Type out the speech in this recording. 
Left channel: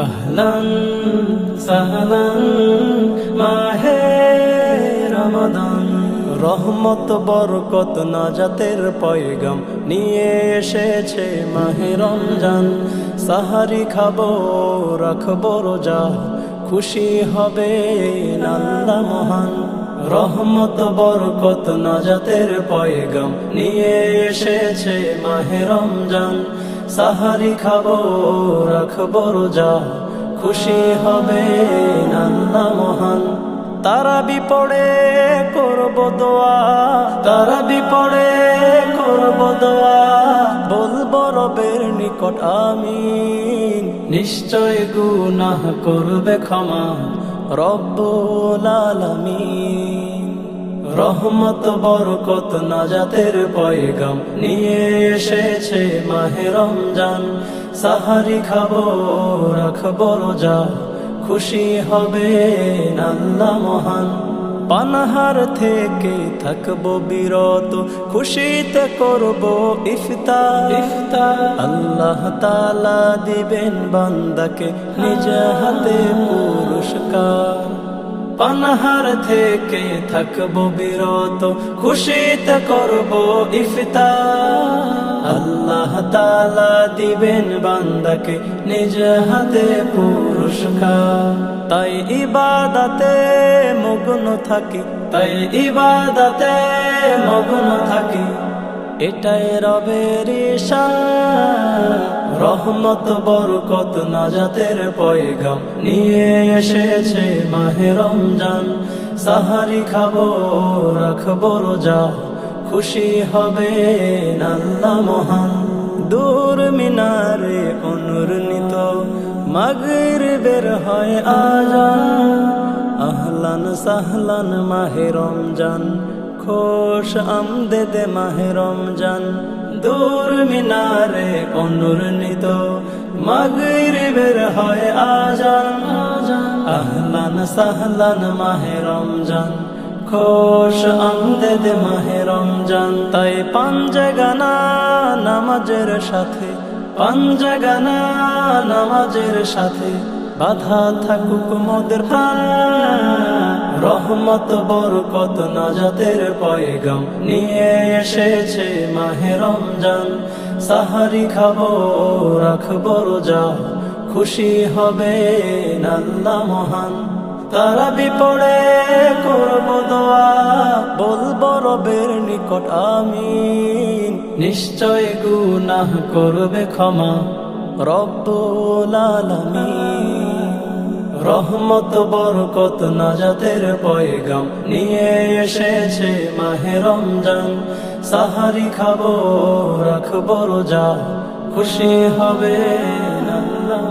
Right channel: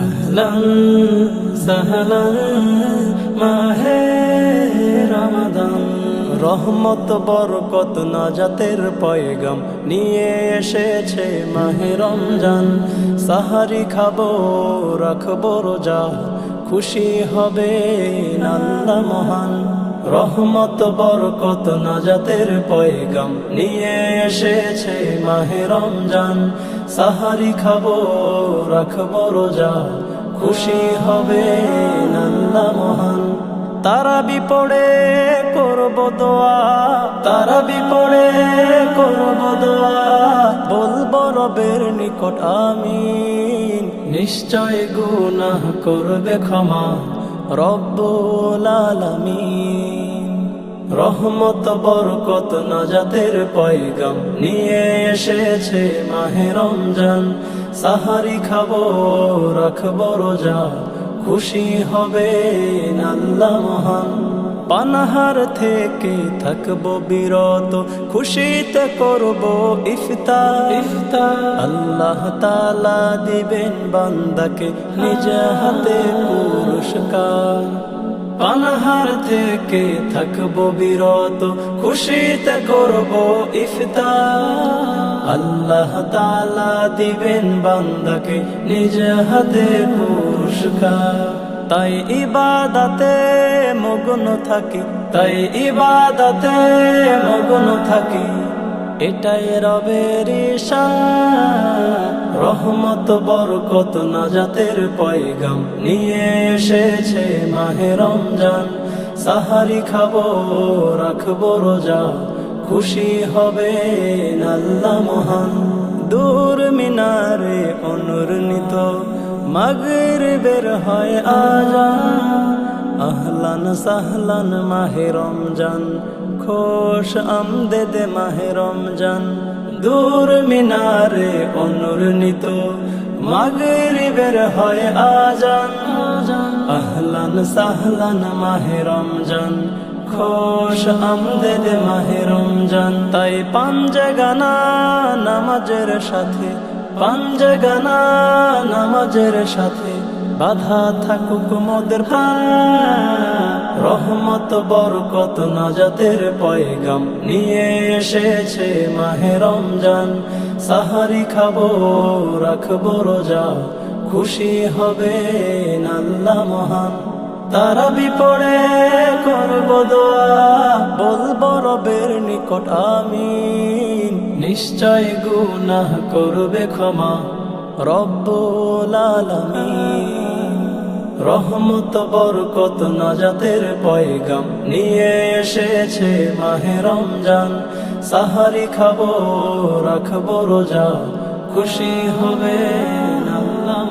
আহলান সাহলান মাহে রমাদান। রহমত বরকত নাজাতের পয়গাম নিয়ে এসেছে মাহে রমজান। সাহারি খাবো রাখবো রোজা, খুশি হবে আল্লাহ মহান। রহমত বরকত নাজাতের পয়গাম নিয়ে এসেছে মাহে রমজান। সাহারি খাবো রাখবো রোজা, খুশি হবে আল্লাহ মহান। তারাবি পড়ে করব দোয়া, তারাবি পড়ে করব দোয়া, বলবো রবের নিকট আমিন। নিশ্চয় গুনাহ করবে ক্ষমা রব্বুল আলামিন। রহমত বরকত নাজাতের পয়গাম নিয়ে এসেছে মাহে রমজান। সাহারি খাবো রাখবো রোজা, খুশি হবে আল্লাহ মহান। পানাহার থেকে থাকবো বিরত, খুশিতে করব ইফতার। আল্লাহ তাআলা দিবেন বান্দাকে নিজ হাতে পুরস্কার। পানাহার থেকে থাকবো বিরত, খুশিতে করব ইফতার। আল্লাহ তাআলা দিবেন বান্দাকে নিজ হাতে পুরস্কার। তাই ইবাদতে মগ্ন থাকি, তাই ইবাদতে মগ্ন থাকি, এটাই রবের ইশারা। রহমত বরকত নাজাতের পয়গাম নিয়ে এসেছে মাহে রমজান। সাহারি খাবো রাখবো রোজা, খুশি হবে আল্লাহ মহান। দূর মিনারে অনুরণিত মাগরিবের হয় আজান। আহলান সাহলান মাহে রমজান, খোশ আমদেদ মাহে রমজান। দূর মিনারে অনুরণিত মাগরিবের হয় আজান। আহলান সাহলান মাহে রমজান, খোশ আমদেদ মাহে রমজান। তাই পাঞ্জগানা নামাজের সাথে, পাঞ্জগানা নামাজের সাথে বাধা থাকুক মোদের প্রাণ। রহমত বরকত নাজাতের পয়গাম নিয়ে এসেছে মাহে রমজান। সাহারি খাবো রাখবো রোজা, খুশি হবে আল্লাহ মহান। তারাবি পড়ে করব দোয়া, বলবো রবের নিকট আমিন। নিশ্চয় গুনাহ করবে ক্ষমা রব্বুল আলামিন। রহমত বরকত নাজাতের পয়গাম নিয়ে এসেছে মাহে রমজান। সাহারি খাবো রাখবো রোজা, খুশি হবে আল্লাহ।